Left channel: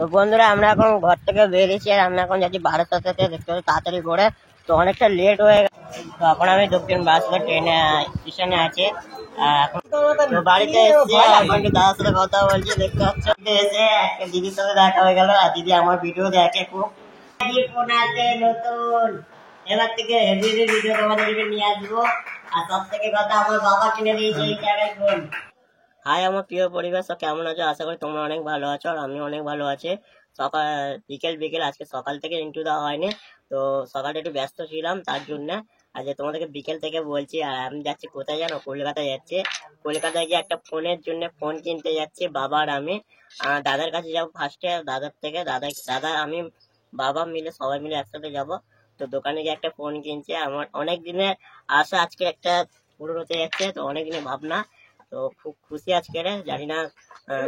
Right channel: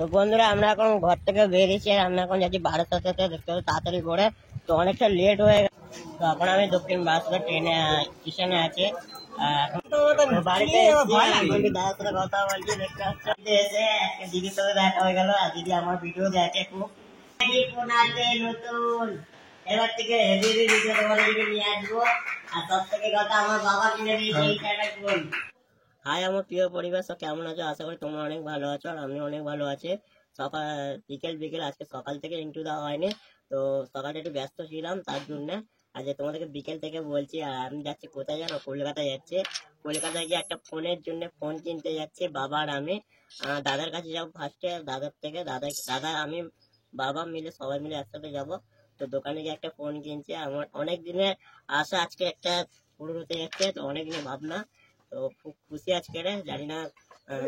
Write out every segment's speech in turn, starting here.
তো বন্ধুরা আমরা এখন ঘর থেকে বেরিয়েছি আর আমরা এখন যাচ্ছি বারাসাতে, দেখতে হবে তাড়াতাড়ি করে। তো অনেকটা লেট হয়ে গেছে। তো এখন আমি দক্ষিণ বারাসাত ট্রেনে স্টেশনে আছি। এখন তো বাড়িতে এসে দাদার সাথে কথা বলছি, দেখতে পাচ্ছি। এসে একটা দিদির সাথে দেখা হয়ে গেল আর দিদি আমার ভিডিও দেখে খুব। ফোন আছে নতুন, এবার থেকে হেভি ভিডিও তোমাদেরকে নিয়ে আসবো। আর সব থেকে কথা, আমার বাবা কিনে দিয়েছে এই টাকার ফোন। হাই আমার প্রিয় পরিবার, সব কেমন আছো? আশা করি তোমরা অনেক ভালো আছো আর আমি অনেক ভালো আছি। সকাল বিকেল আজকে সকাল থেকে ইন্টু দেওয়া হয়নি, তো সকালটা একটু ব্যস্ত ছিলাম তার জন্য আজকে তোমাদেরকে বিকেল থেকে বলছি। আর আমি যাচ্ছি কোথায় জানো? কলকাতায় যাচ্ছি। কলকাতায় গিয়ে একটা ফোনের জন্য ফোন কিনতে যাচ্ছি। বাবা আর আমি দাদার কাছে যাবো ফার্স্টে। দাদার থেকে দাদা আমি বাবা মিলে সবাই মিলে একসাথে যাব। তো দোকানে গিয়ে একটা ফোন কিনছি। আমার অনেক দিনের আশা আজকে একটা পূরণ হতে যাচ্ছে, তো অনেক দিনের ভাবনা। তো খুব খুশি আজকে। জানি না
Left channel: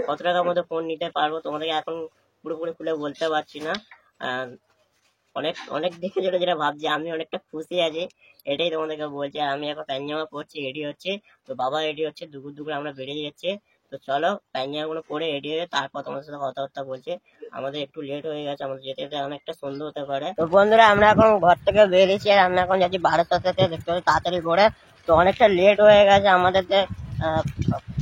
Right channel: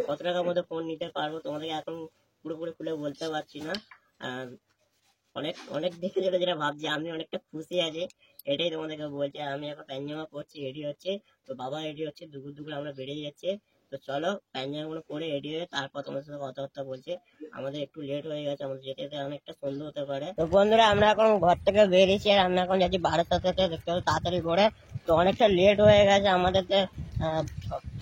কত টাকার মধ্যে ফোন নিতে পারবো, তোমাদেরকে এখন পুরোপুরি খুলে বলতে পারছি না। অনেক অনেক দিকে যেটা ভাবছি, আমি অনেকটা খুশি আছি, এটাই তোমাদেরকে বলছি। আর আমি এখন প্যান্ট পরছি, রেডি হচ্ছে। তো বাবা রেডি হচ্ছে, দুপুর আমরা বেরিয়ে যাচ্ছি। তো চলো প্যান্ট গুলো পরে রেডি হয়ে তারপর তোমার সাথে কথাবার্তা বলছি। আমাদের একটু লেট হয়ে গেছে, আমাদের যেতে যেতে অনেকটা সন্ধ্যা হতে পারে। তো বন্ধুরা আমরা এখন ঘর থেকে বেরিয়েছি আর আমরা এখন যাচ্ছি বারাসাতে, দেখতে হবে তাড়াতাড়ি করে। তো অনেকটা লেট হয়ে গেছে আমাদের,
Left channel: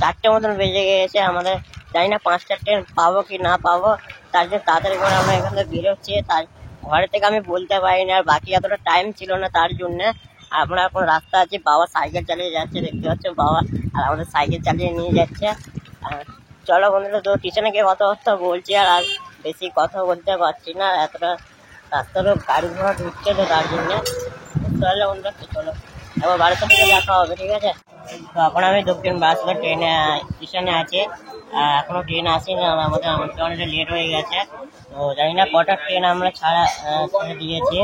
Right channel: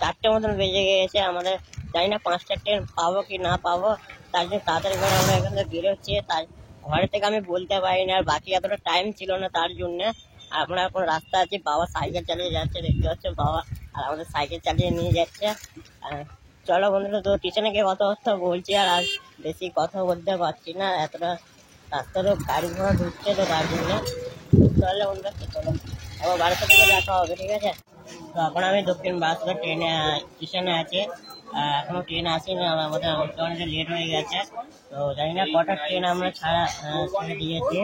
4টে মতন বেজে গিয়েছে আমাদের। জানি না 5টা ট্রেন পাবো কি না পাবো, তার জন্য তাড়াতাড়ি করে আমরা এখান থেকে বেরোচ্ছি। তার ঘর থেকে আমি বলতে পারিনি, আর বাকি এতটা টাইম ছিল না তার জন্য। আমরা এখন রাস্তা আছি, বাবা সাইকেল চালিয়ে যাচ্ছে, দেখতে পাচ্ছ বাবা আর আমাদের সাইকেল চালিয়ে নিয়ে যাচ্ছে। চলো বন্ধুরা, তো স্টেশনে গিয়ে কথাবার্তা বলছি। আর বেশি কথা বলতে পারছি না, এতটা রাস্তারও গাড়ি ঘোড়া ঢুকছে, তো তার জন্য চলো বন্ধুরা, চলো এবার বাড়িতে থেকে দেখা হবে, ঠিক আছে? তো এখন আমি দক্ষিণ বারাসাত ট্রেনে স্টেশনে আছি। এখনো ট্রেন আসেনি, আমাদের অনেকটা লেট হয়ে গেছে। তো জানি না কটা ট্রেন আমরা ছেড়ে দিয়েছি,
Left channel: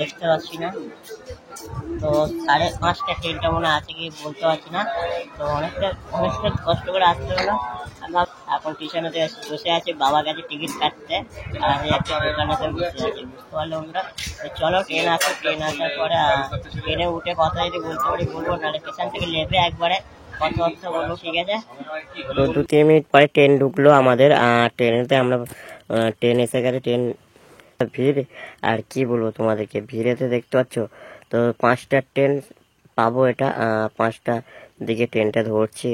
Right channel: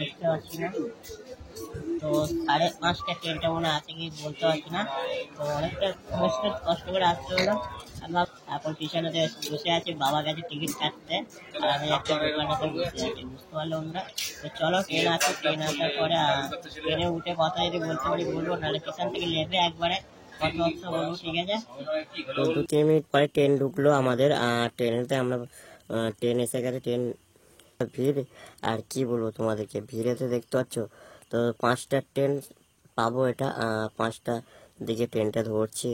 দেখতে পাচ্ছি না। তো 5:30 ট্রেনটা মনে আছে কি বলতে পারছি না। তো অনেকটা কষ্ট করে আসতে হলো। আমরা এখন স্টেশনে বসে আছি, বাবা গেছে টিকিট কাটতে আর একটা দোকানেতে বসে আছি, বুঝতে পারলো আমরা। তো চলো ট্রেন আসার পরে ট্রেনে উঠে কথা যদি বলতে পারি বলবো, নাহলে স্টেশন থেকে নেবে একবারে কথাবার্তা বলবো, ঠিক আছে? তো 2-3 মিনিট পরে ট্রেন ঢুকলো আমাদের। ট্রেনেতে আমরা ট্রেন এসে গেছে। ট্রেন ভিড় আর কি বলবো তোমাদেরকে, ভিড়েতে দেখতে পাচ্ছ। তো 5টা ট্রেন পাবো, এটা 5টা দিকে ট্রেনটা ধরছি।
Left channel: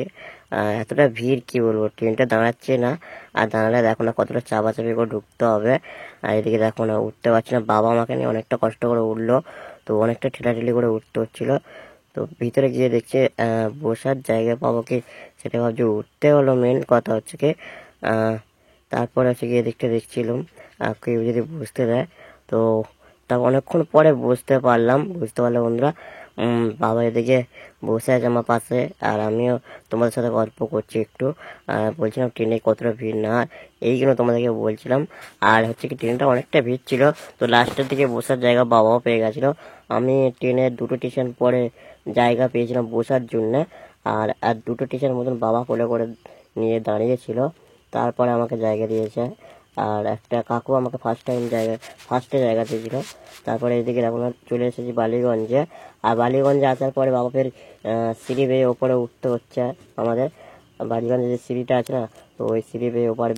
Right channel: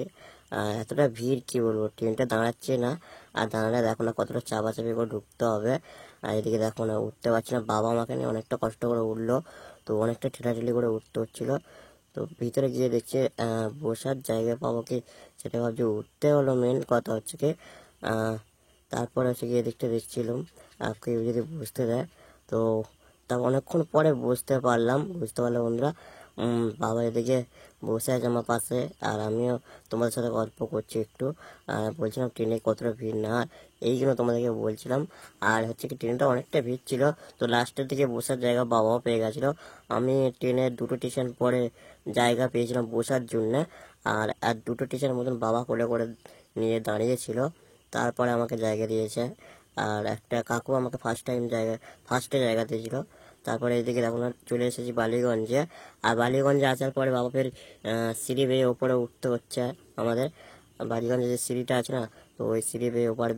এতটা ভিড় কি বলবো, ট্রেনটা দাঁড়াচ্ছে না। আর দাঁড়ালে দেখো না কতটা চাপাচাপি করে ঢুকতে হবে। আর এদিকে দেখো না উঠতে পারছি না, বাবা আমাকে নিয়ে অনেকটা কষ্ট করে উঠলো। তো অনেকটা ঠেলাঠেলি করে উঠতে হচ্ছিল। তো ভিতরে গিয়ে দেখছি বসার জায়গা পাবো কি, সেটা ভাবছি। উঠতে হলো, মেন কথা হচ্ছে কি তারপর হচ্ছে গিয়ে দেখছিলাম কেউ যদি বুঝতে দেয়। তো তা অনেকক্ষণ পরে বুঝতে পারলাম বন্ধুরা। বাবা এদিকে বসে আছে আমার পাশে, আর আমিও তোমাদের সাথে গল্প করছি একটু। বলছিলাম ট্রেনে কতটা ভিড় না, এইগুলো তোমাদেরকে বলছিলাম। আর হচ্ছে কি ট্রেনটা অনেকটা ভিড় ছিল, তো লাস্টের দিকে বসার জায়গা বাবাও পেয়ে গেছিলো। আমি ট্রেনের 2টো স্টেশন পরে জায়গা পেয়েছিলাম বসার জন্য। আর 2টো স্টেশন মতন বাবা কোলে করে নিয়ে দাঁড়িয়েছিল, তারপরে আমাকে জায়গা দিয়েছে। আর একটা কাকু আমাকে ফার্স্টে জায়গা দিয়েছিল। তারপরে এইদিকে এখন চলে এসেছি বালিগঞ্জে। আর বালিগঞ্জে আসার পরে বাবা ফের সিঁড়ি বেয়ে ওপরে উঠতে হচ্ছে আমাদের। বালিগঞ্জে যে সিঁড়িটা আছে না, তো ওই সিঁড়ি বেয়ে ওপার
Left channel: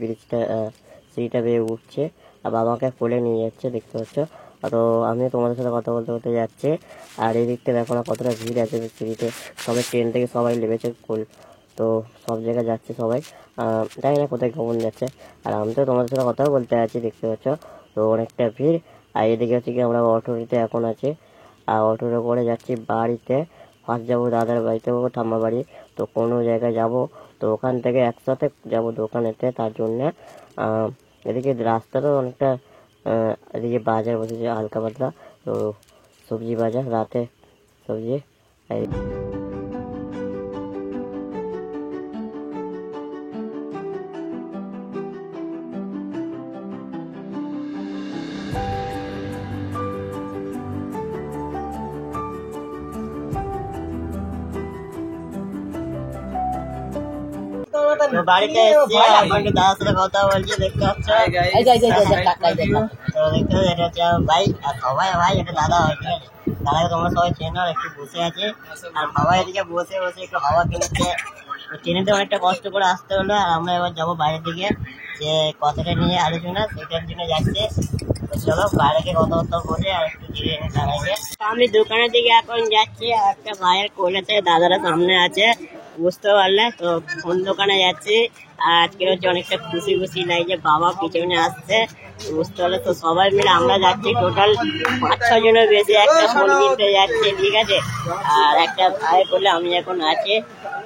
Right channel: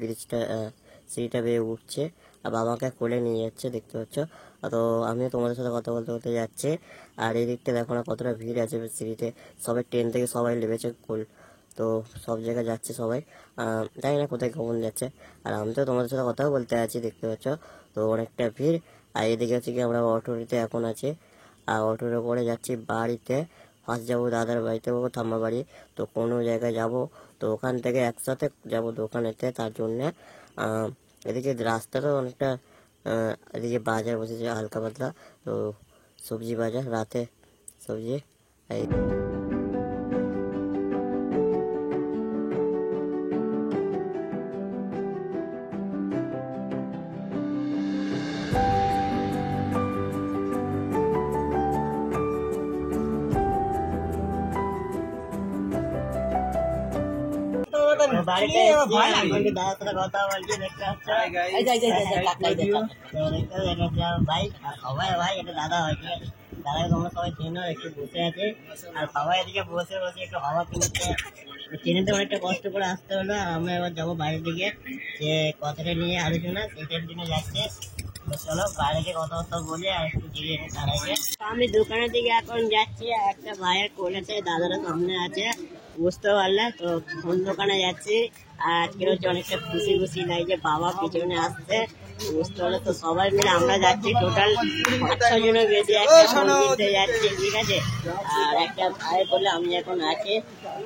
সিঁড়িটা বেয়ে উঠছে আর বাবাকে কোলে নিয়ে যাচ্ছে, দেখতে পাচ্ছ। তো আমিও তোমাদের সাথে কথা বলতে বলতে যাচ্ছি। আর এই দিকটা দেখো না কতটা ভিড় আছে সিঁড়িতে, সবাই ট্রেন থেকে সবাই নেমেছে। তো সব জায়গায় যাচ্ছে সবাই, জানি না কোথায় কখন যাচ্ছে। আর আমি তো তোমাদের সাথে কথাও বলতে আছি, দেখতে পাচ্ছ। তো অনেকটা ভিড়। আর এদিকে হচ্ছে কি আমরা অটোতে এখন আছি, আর অটোতে করে যাচ্ছি বাড়িতে। ফার্স্ট যাবো দাদার বাড়িতে, ঠাম্মা বাড়ি। তো কোনো জায়গায় যাব, তো ওখান থেকে একসাথে যাব দোকানেতে, তার জন্যে। এদিকে রাস্তাটাও অনেকটা, এদিকে বাজার বসেছে হালকা পাতলা, তো সবজি বাজার, রাতে সবজি। বাড়িতে দাদার সাথে কথা বলছি, দেখতে পাচ্ছ। এটা হচ্ছে ভাই, আর সবাই ভাই, এটা দাদা হয়, ঠিক আছে? দাদাকে তোমরা সবাই চেনো। একটু বসে আছে আর সবাই এদিকে বসে একটু হাওয়া কিনছে। ট্রেনেতে অনেকটা কষ্ট করে আসতে হলো, আর আমরা এবার যাবো বাইরের দিকে, যে কথাটা নিয়ে আলোচনা সেটার জন্য যাচ্ছে। তো চলো বাইরে গিয়ে কথাবার্তা বলে আর একটু ধীরে চালাইছে। আমি দোকানের দিকে এখন যাচ্ছি, আর একটা ভাইয়ের কোলেতে দাদারা সামনে আছে, বুঝতে পারলে তো কোন দোকানে যাচ্ছি। আর আজকে হচ্ছে অনেকটা খুশি খুশি লাগছে, বাবা পিছনে আসছে, বুঝতে পারলে তো সবাই মিলে আমরা যাচ্ছি টোটাল 5-6 জনের বেশি একটা ফোন কিনতে যাচ্ছে, ঠিক আছে। আর একটা ভাই বলে আমি এখন আছি,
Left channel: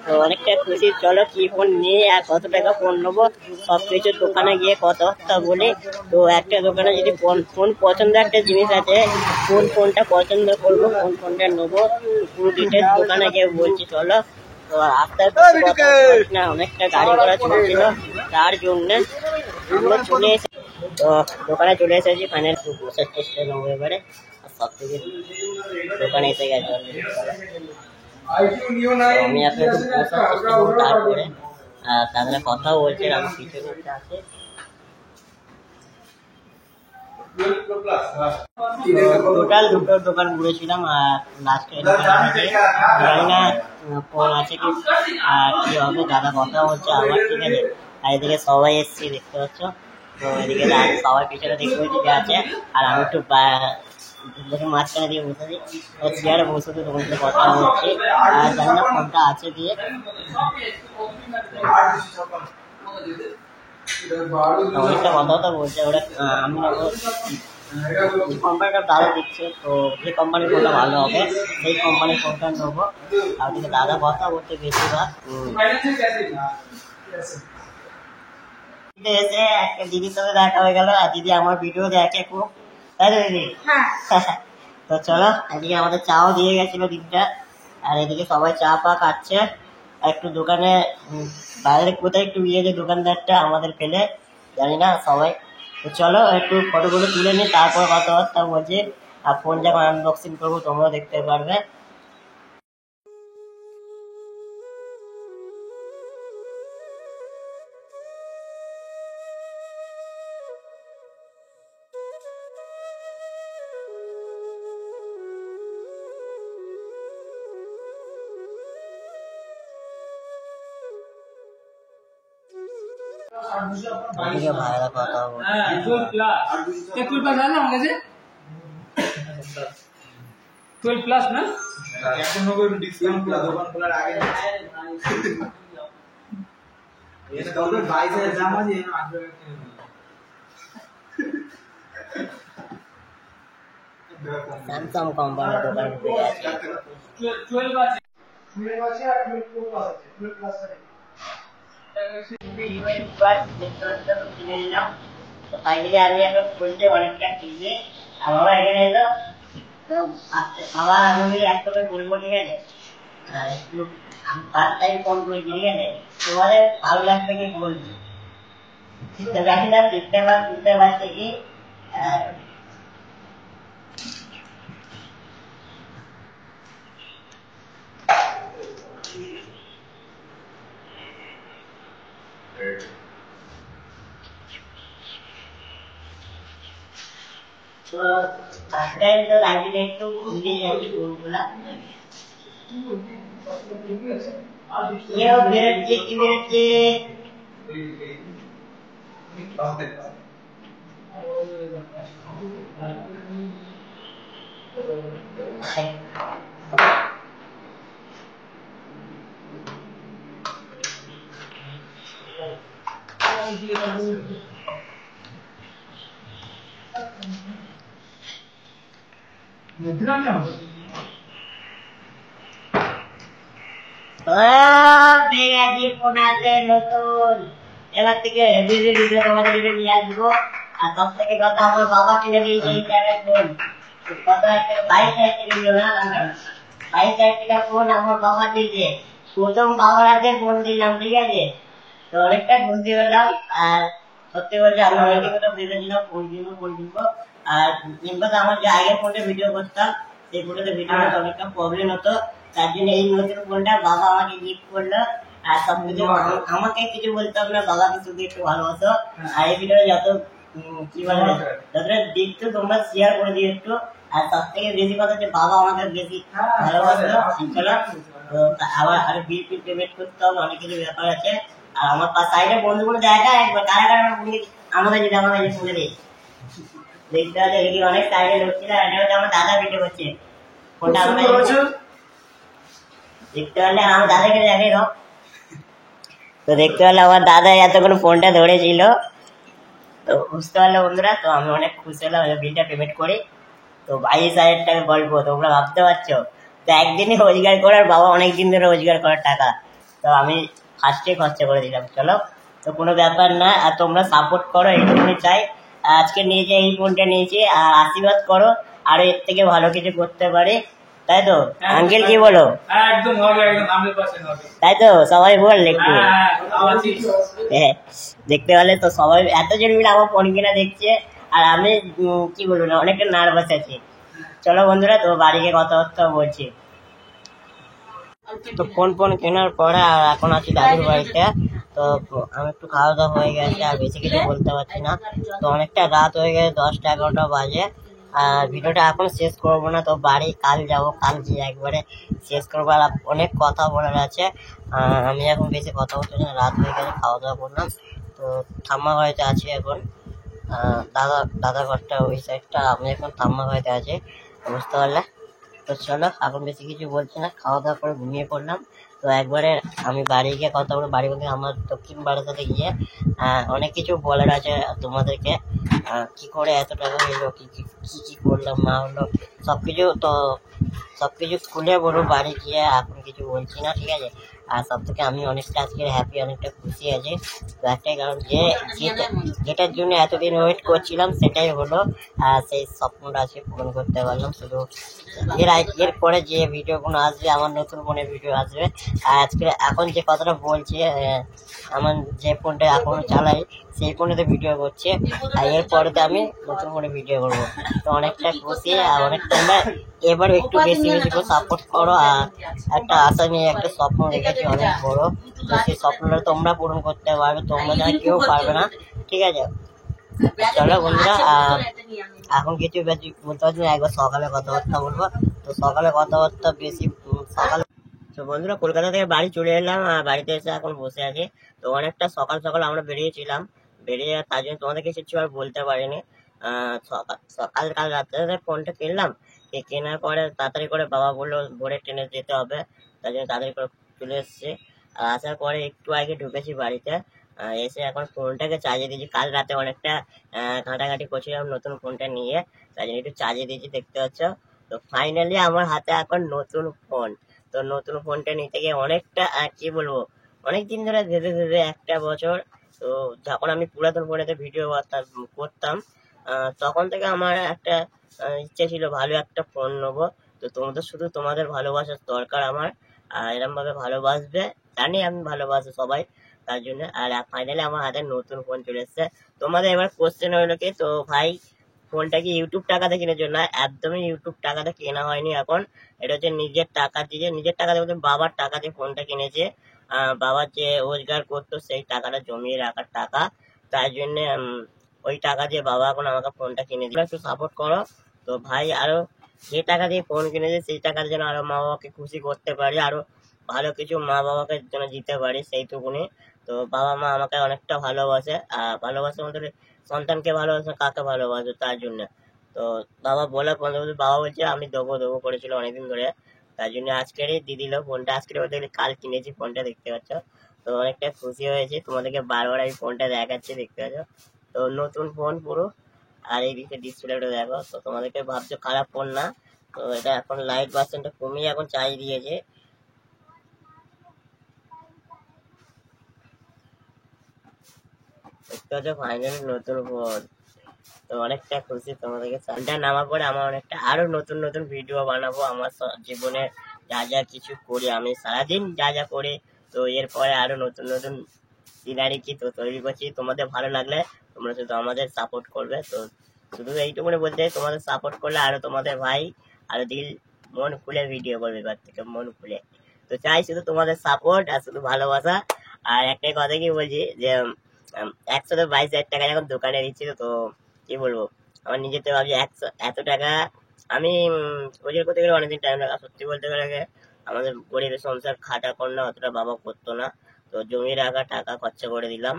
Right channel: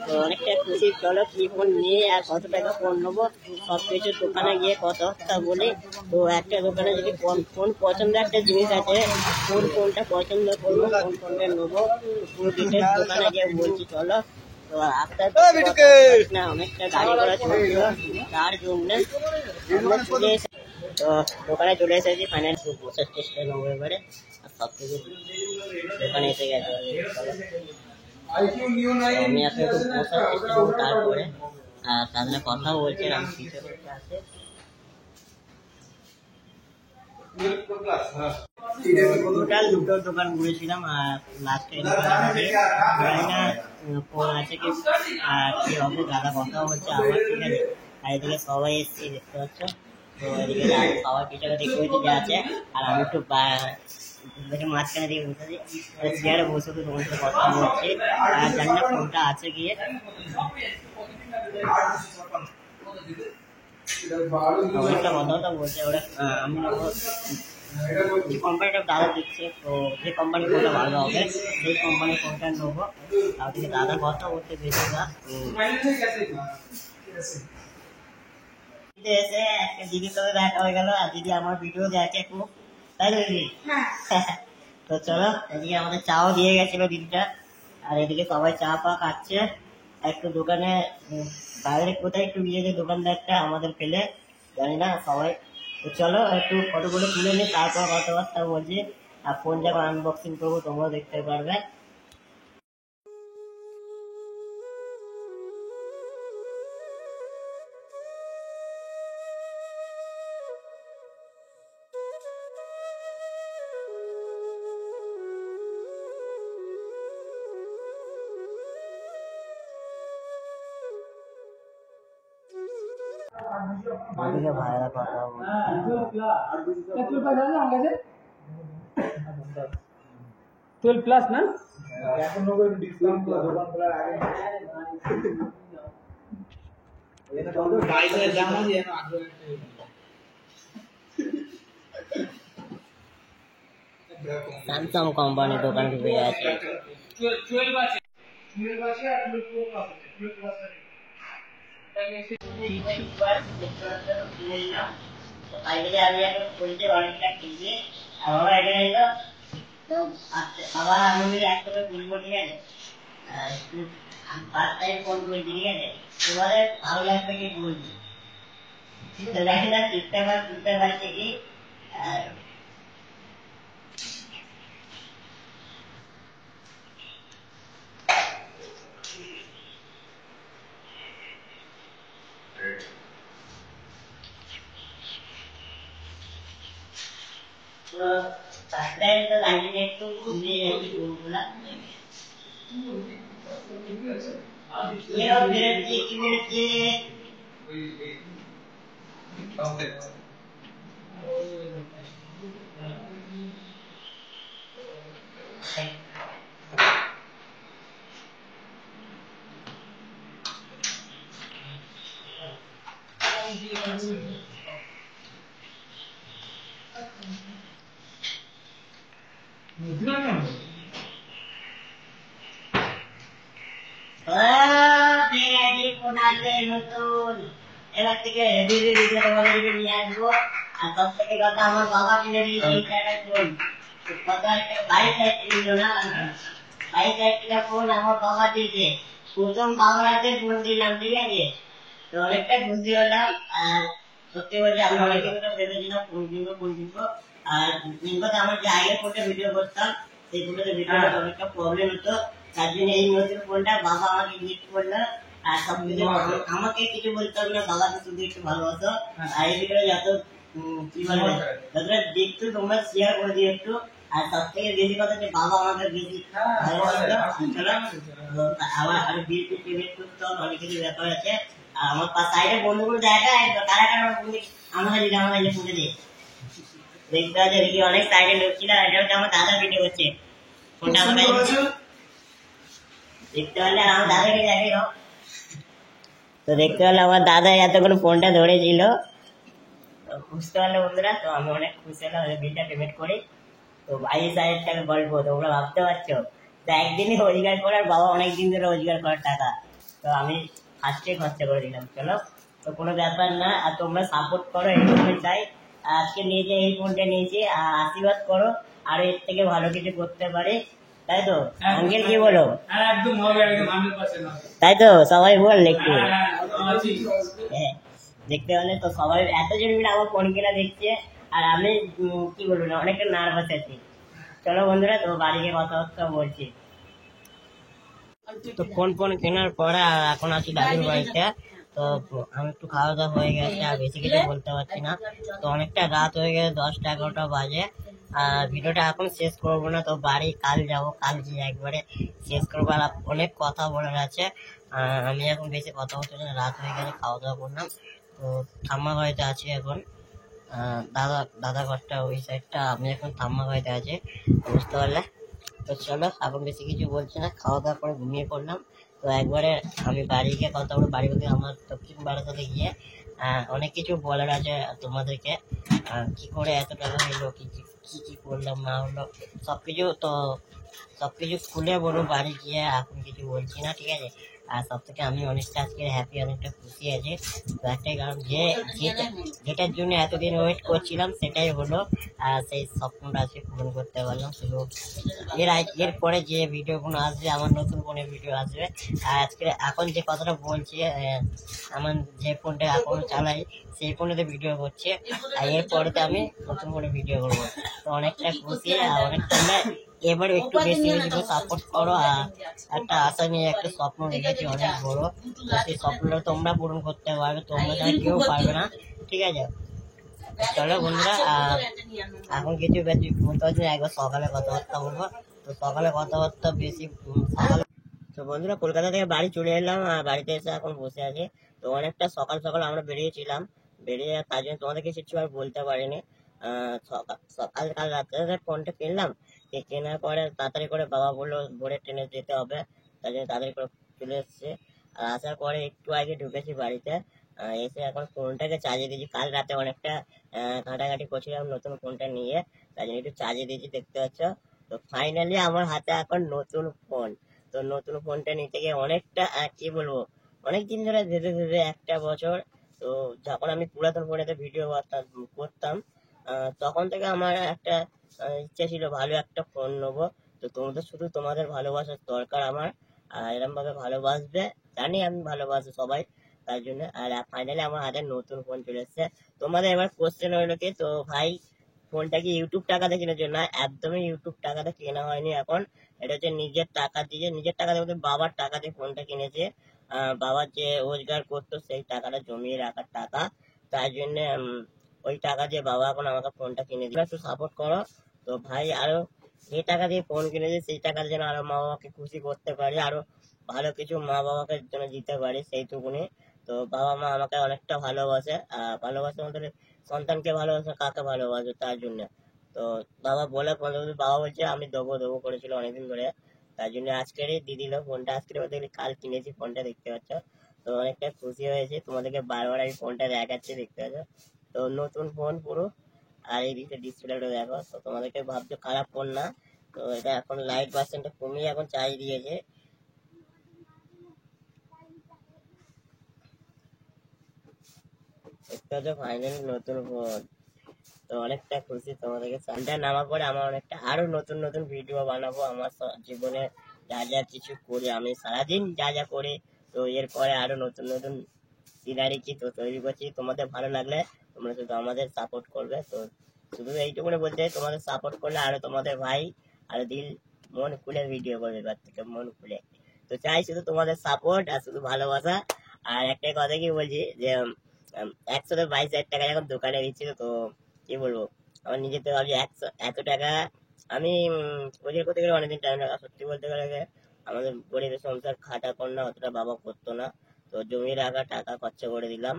তো অনেকটা খুশি। চলো কি ফোন নিয়ে আর কত টাকা ফোন নেবো সব কিছু দোকানে গিয়ে কথা বলি। তো একটা দোকানে যদি ফোন পছন্দ একটা জিনিস আছে, কোন ফোনটা পছন্দ করবো কোন ফোনটা নেবো পুরো ডিটেলস দোকানে গিয়ে বলছি। চলো তো আস্তে আস্তে না অনেকটা গাড়ি ঘোড়া চলছিল, তার জন্য আমরা চলে এসে তো দোকানে চলে এসেছি। ফাইনাল বসার চেষ্টা নেবো এবারে, আর সব থেকে দোকানে এসে গেছে। আমি এখন একটু বসার চেষ্টা করবো, তারপরে তাদের কথাও বলছে আমার পিছনে আছে। টোটাল দুটো দোকান ঘুরেছিলাম, আর লাস্টে জানি না ফোন আছে কি কি হবে, দাদা কথা বলছে আমার, ঠিক আছে। আর এদিকে সবাই এসছি দেখতে পাচ্ছ, তো এদিকে সবাই পিছনে দেখতে যে আছে, আর আমি একটু মাঝখানে দিয়ে বসে দিই, চেয়ারে বসে তো তোমার কথা বলছি, আর জানি না ফোনটা আছে গিয়ে। অনেকটা কথা বলছে ওরা, আমি কোম্পানিটা দাদা দিচ্ছে, তো যে কোম্পানির ফোনটা ভালো হবে সেই কোম্পানির ফোনটা নেবো। তার থেকে দাদা কথা বলতে বেশিরভাগ এসে একটা দিদির সাথে দেখা হয়ে গেল, আর দিদি আমার ভিডিও দেখে খুব, তাই তো দিদি? তো চলো এদিকে আমাদের চাও দিয়ে গেছিল দিদিটা, আর এদিকে সবাই চা পা খাচ্ছে। একটু দোকানে বাইরে কোথায় একটু গিয়ে যে দোকানদারটা আমাদের পেলে জানি না সবাই। তো চলো একটু ফটোগুলো তুলে নিই, তারপর কথাবার্তা বলছি, আর ফোন যখন আনবক্সিং করবো তোমরাও দেখতে পারবে। ভাইরা কথা বলছে 12 প্লাস না এখন হবে ডিসকাউন্ট দোকান খোলার আগে এটা তো 22,000 দাম আছে এখন 18,000 স্যামসাং কোম্পানির দোকান ঢুকে আছে। 12 আছে 12 আছে আর 12 প্লাস আছে 12 প্লাস আছে। ফাইনালি আমি এখন খুলতে অনেকটা কিনে আবার এখানে এলো, আবার আমি একসাথে বলবো, ঠিক আছে। একটু ফার্স্ট টাইম ফোন করি, ঠিক আছে। তোমাদের ভালো লাগবে কি বলবি, জানি না সেপ্টেম্বর তুলতে পারছে কি। তো ফার্স্ট টাইম তো লাগবে একটু ভুলে যাচ্ছি ফোনগুলা, বেরোচ্ছে কি বেরোচ্ছে। ফোন আসবে নতুন, এবার থেকে ভিডিও তোমাদের নিয়ে আসবো। আর সব থেকে কথা আমার বাবা কিনে দিয়েছে ফোন, কত একটা 22,000 কিনল না, 22,000 টাকা ফোন আমার বাবা দিয়েছে। প্রথম বাবার হাতে ফোন দিলাম, ঠিক আছে। তো অনেকটা খুশি হলাম, আর সত্যি বলছি আমি অনেক কথা ভেবেছিলাম ফোন কিনবো। আর কিংবা আমার যে আগের ফোনটা ভিডিও করতাম সেই ফোনটাতে ভিডিও করতে অনেকটা প্রবলেম হতো, তার জন্য এই নতুন ফোনটা বাবা আমাকে গিফট করলো। আর সবকিছু আমাকে কিছু বলতাম না, বাবাকে শুধু একটু ভালোবাসো। আর এই ভিডিও যত কি বলবো যতটা দেখতো তোমরা শেয়ার করে দিও একটু। আর সব থেকে বেশি কথা যে বাবা আমাকে বেশি ভালোবাসলো। চলো তো আবার আরো বিল টিল পেমেন্ট করতে হবে, অনেক কিছু ব্যাপার আছে। আর আমার সাইডে বন্ধুগুলো দেখা একবার কারা কারা আমাদের যদি আমাদের যে ফোনে দিই দেখতে আছে দেখি অনেক সাইডে লোক ছিল, এটা হচ্ছে আমার দাদা ভিডিও করছে, ফোনটা আমার কাছে দেখতে পারলে আমার দাদাকে দেখে দাও। তো দেখতে পারলে আমার দাদা এতক্ষণ ফোনটা ধরেছিল, তো বুঝতে পারলো বন্ধুরা। তো আমি অনেক খুশি হলাম, বিলটা পেমেন্ট করি। তো 22,000 টাকা গল্প তোমরা ভাবতে পারছো। তো একদিনই রোজগার করার, বাবা অনেকদিন ধরে রোজগার করার টাকা, তো আমি ফার্স্টে খরচা করে দিলাম। চলো, তো কোনো ব্যাপার না, আর তোমরা সাপোর্ট করো এইটুকুনি চাই। আজকে নিয়েছে এই ফোনটা নিয়েছি, আর আশীর্বাদ করো আরো এর থেকে ভালো কিছু করতে পারি, তাই তো আঙ্কেল কি বলো? একদম হবে, একদম 100% হবে, তাই তো সবাই বল একটু। হ্যাঁ দেখতে পেলে তো সবাই এতজন মিলে আমার ফোন কিনা দেখছে, আর আমি কি বলবো না, অনেকটা নার্ভাস আছি। চলো বন্ধুরা, তো বাড়ি গিয়ে কথাবার্তা বলছি। তো ফোন কেনার পরে আর এখন আছি দাদুর বাড়িতে। তো আমি একটু খাওয়া দাওয়া হয়ে গেছে, আর বেশি কিছু বলতে পারছি না। তো অনেকটা রাত হয়ে গেছে, 10টা 11টা বাজে। আর ভিডিওটা এখন শেষ করবো না, তো বাড়ি কাল যাব, কাল গিয়ে একবারে শেষ করবো। আর অনেক কথা বলার আছে, আমি এখন বেশি কথা বলতে চাই না, রাত হয়ে গেছে, খাওয়া দাওয়া করলাম। তো ঠাম্মা বাড়িতে আছি এখন, দাদার ঘরটা ওই সাইডটা, আমি এখন ঠাম্মা বাড়িতে আছি, বুঝতে পারলে। তো চলো, এখন বেশি কিছু বলছি না, খাওয়া দাওয়া করে ঘুমিয়ে পড়লাম। তো একবারে আমি বাড়ি গিয়ে কথা বলবো, বাড়ি বলতে আমার দক্ষিণ বারাসাতে গিয়ে অনেক কিছু বলার আছে তোমাদেরকে। কি করে এত টাকা হলো, কি কি কি কি করলাম না হলো, সবকিছু। তো সবকিছু খুলে বলবো বাড়ি গিয়ে, এখন কিছু বলছি না, ঠিক আছে। আর সব থেকে আমি অনেকটা আজকে হ্যাপি, অনেকটা খুশি আছি। তো একটাই কারণ, যেটার জন্য এতদিন ওয়েট করছিলাম সেটাই হলো, আর সেই স্বপ্নটা আজকে পূরণ করতে পারলাম। শুধু এর পরে যে ভিডিওগুলো আসবে, আমার নতুন ফোনে ভিডিও আসবে। আর আজকে এখন যে কথাটা বলছি, আমার যে ফোনটা এখনো চালাই সেই ফোনেতে ভিডিও করছে, আর এরপরেতে আমি নতুন ফোনে ভিডিও করবো। তো অনেকটা খুশি, আর অনেকটা এবার একটু বেশি বেশি করে সাপোর্ট করো। আর একটা আশা নিয়ে একটা স্বপ্ন রেখেছি অনেক বড়, তো সেই স্বপ্নটা তোমরা পূরণ করতে পারবে, তোমরা যা কেউ পারবে না, ঠিক আছে। চলো বন্ধুরা, এখন কিছু বেশি বলতে পারছি না, একবার সকালে কথাবার্তা বলবো। তো সকালে কথাবার্তা বেশি সকালে। তো বন্ধুরা, কলকাতা থেকে বাড়ি চলে এলাম, আর বাড়িতে এসে এখন বসে আছি। তো অনেকটা সকাল সকাল আমরা বেরিয়েছিলাম, বেরিয়ে তার জন্য তোমাদেরকে কিছু আর বলতে পারিনি। কাল রাত্রে ফোনটা কিনলাম, কেনার পরে তাড়াতাড়ি করে বাবা বললো ভোরে ট্রেনে যেতে হবে, তার জন্য তাড়াতাড়ি করে চলে এসেছি। আসার পরে একটু আগে ঢুকেছি বাড়িতে, এসে এখন ফোনটাকে চার্জে দিয়েছি। কাল রাতে অনেকটা ঘাঁটাঘাঁটি করছিলাম নতুন ফোনটা নিয়ে, তাই জন্য একটু চার্জে দিয়েছি, দেখতে পাচ্ছ। তো ফাইনালি আমার হাতে এখন নতুন ফোন। তো নতুন ফোনটা নিতে গিয়ে অনেকটা কি বলবো, অনেকদিন ধরে ধীরে ধীরে 1 বছর। তো যখন আমি পুরাতন ফোনেতে ভিডিও করতাম, তখন থেকে আমার একটা ইচ্ছে ছিল ভালো একটা ফোন নেবো। তো তোমাদের শুধু তোমাদের ভালোবাসার দরকার আমার, আর এরকম ভাবে ভালোবাসবে, জানি আমি ভালোবাসি সবাই, তার জন্য। আর ফাইনালি আমার হাতে নতুন ফোন চলে এসছে। তোমাদের এবার কোশ্চেন হলো কি, তো ভাই ফোনটা কি ইউটিউব টাকাতে কিনেছো? না, একদমই ইউটিউব টাকাতে কেনা হয়নি এখন। এটা হচ্ছে নিজের টাকা দিয়ে, নিজের টাকা দিয়ে বলতে বাবার টাকা দিয়ে ফোনটা কিনেছে। বাবা যে রোজগার করতো সেই টাকাটা জমিয়ে রাখার টাকা, তার জন্য ওই টাকা দিয়ে বাবা এখন আমাকে ফোনটা কিনে দিল। একটু সাপোর্ট করো। তো ভাই আরো যে টাকা দিয়ে ফোন কিনেছে সেই টাকার যেন আরো মা বাবাকে খুশি করতে পারি, আরো ভালো কিছু মা বাবাকে যেন দিতে পারি, সেইটুকুনি। তো বাবা মা আমাকে অনেকটা ভালোবাসে, আর ভালোবাসে মধ্যে সন্তানকে ভালোবাসে, কাকে ভালোবাসে, তার জন্য। তো বাবা বলার পর বাবা বলছে আমি দেবো দেবো করেছিল অনেকদিন ধরে, তার জন্য আজকেরই দিয়ে দিল ফোনটা। আজকের বলতে গেলে কাল কিনেছি ফোনটা, দেখতে পাচ্ছ। তো অনেকটা খুশি হয়েছে, তোমাদেরকে বারবার আমি ফোনটা দেখাচ্ছি, দেখতে পাচ্ছ। তো নতুন ফোন পুরো, আর এই দিকে ডিসপ্লেটা দেখো। তো তোমাদেরকে ভাবছো খারাপ ফোন না, তো এটা এখন লাইট পার্সেন্টটা কমিয়ে এখন চার্জ দিয়েছে। দেখতে পাচ্ছ ফাইনালি নতুন ফোন। তো অনেকটা খুশি, তোমাদেরকে ফোনটা নামার পরে আমার অনেকটা আরো নতুন নতুন ভিডিও বানাবো, আমার জীবনে যা যা কিছু করি, আমি সারাদিন যা যা করি। তো এরপরে আরো নতুন নতুন সিনারি কি তো তৈরি করছি, তোমাদের ভালো লাগলে তোমরা শুধু আমাদের সাপোর্ট করবে। তো শুধু এইটুকুনি বলতে চাই, তোমাদের সাপোর্ট করলে আরো তোমাদের ভাই আরো মন খুলে ভিডিও করবে, এবার থেকে মন খুলে। তো চাই শুধু তোমাদের সাপোর্ট আর শুধু ভালোবাসা। আর একটাই কথা কি বলছি, যে 122,000 টাকা এখন দোকানে দিচ্ছিল, তো কি বলবো, আমার নিজের তো ভাবছি এত টাকা আমি রোজগার করতে গেলে অনেকদিন টাইম লাগা, সত্যি বলতে গেলে আমাদের গরিবের সংসার খাটা করলে অতটা বাবা করতো না, তো জমি রাখা টাকা খরচা করে দিলাম।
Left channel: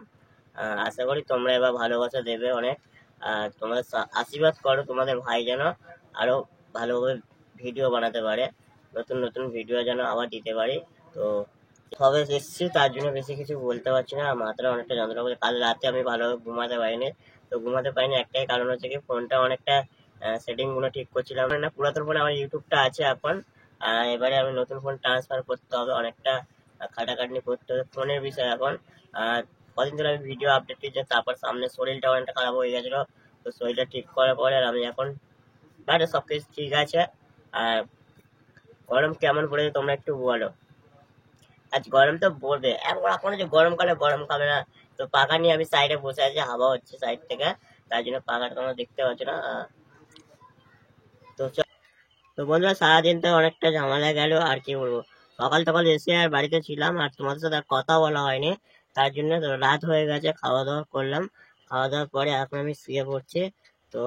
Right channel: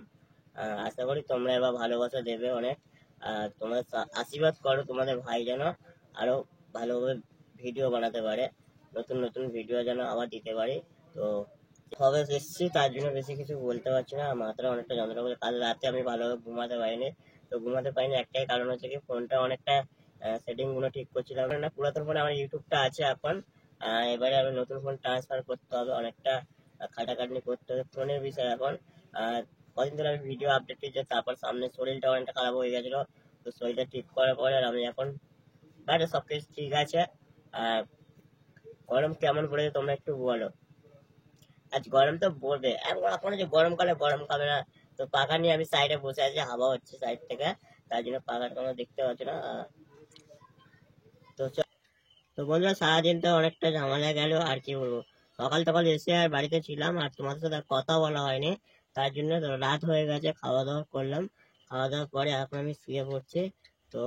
আশা করি তোমরা এবার ভালোবাসা দেবে অনেক, আর তোমরা আশীর্বাদ করো তোমাদের ভাই যেন আরো ভালোভাবে ভিডিও বানাতে পারে, নতুন নতুন ভিডিও যেন আবার দিতে পারি। তো সবে এসেছি তার জন্য বেশি কিছু বলতে পারছি না, মাথাটা অনেকটা যন্ত্রণা করছে। কাল রাতে আমি ভালোভাবে ঘুমাতে পারিনি, তো ঘুমাতে পারিনি একটাই কারণ হচ্ছে কি ফোনটা অনেকটা সেটিং গুলো ঠিক করছিলাম না। পুরাতন ফোনে আমার ইউটিউবটা আছে এখন, এবারে আমি নতুন ফোন ট্রান্সফার করতে হবে, অনেকটা খাটাখাটনি করতে হবে ফোনের বিষয় এখন। কদিন ধরে আমি ভিডিও আপডেট দিয়েছি, তারপর সামনে শরীরটা অনেকটা খারাপ হয়ে গেছিলো, তো শরীরটা ঠিক করার পরে আর আমি এখন বাইরে সবকিছু ঠিক আছে। আর গরম কেমন পড়েছে তোমরা একটু বলো। আজ গরম তো পড়বে, এখন যে গরমকালে গরম খাবে না, তো পাখা নিয়ে আমি সাইডে বসে আছি, হাওয়া হচ্ছে সাইড থেকে, তাই জন্য পাখাটা তোমরা দেখতে পাচ্ছ না। তো তো বন্ধুরা সারাদিন তো অনেকটা ঝামেলা গেল, আর কি বলবো, সকাল সকাল এসে আর বাড়িতে ছিলাম, আর তোমাদের সাথে আর কথা বলা হয়নি, তার জন্য তো রাত হয়ে গেছে। খাওয়া দাওয়া করলাম, খাওয়া দাওয়ার পরে এখন আমি শুয়ে পড়ছি। তো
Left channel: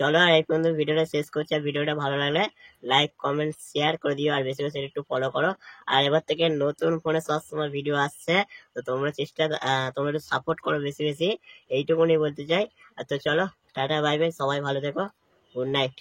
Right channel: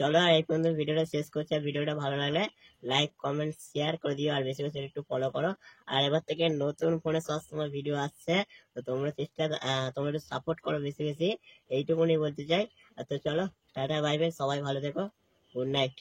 চলো আর এই পর্যন্ত ভিডিওটা শেষ করছি, আর ভিডিওটা ভালো লাগলে লাইক কমেন্ট শেয়ার করে দিও, আর বেশি বেশি একটু ফলো করো। আর এবার থেকে নতুন ফোনে সবসময় ভিডিও আসছে, তো তোমরা তোমরা একটু সাপোর্ট করো বেশি বেশি, এইটুকুনি বলতে চাই। আর তো চলো, টাটা বাই বাই, সবাই ভালো থেকো, গুড নাইট।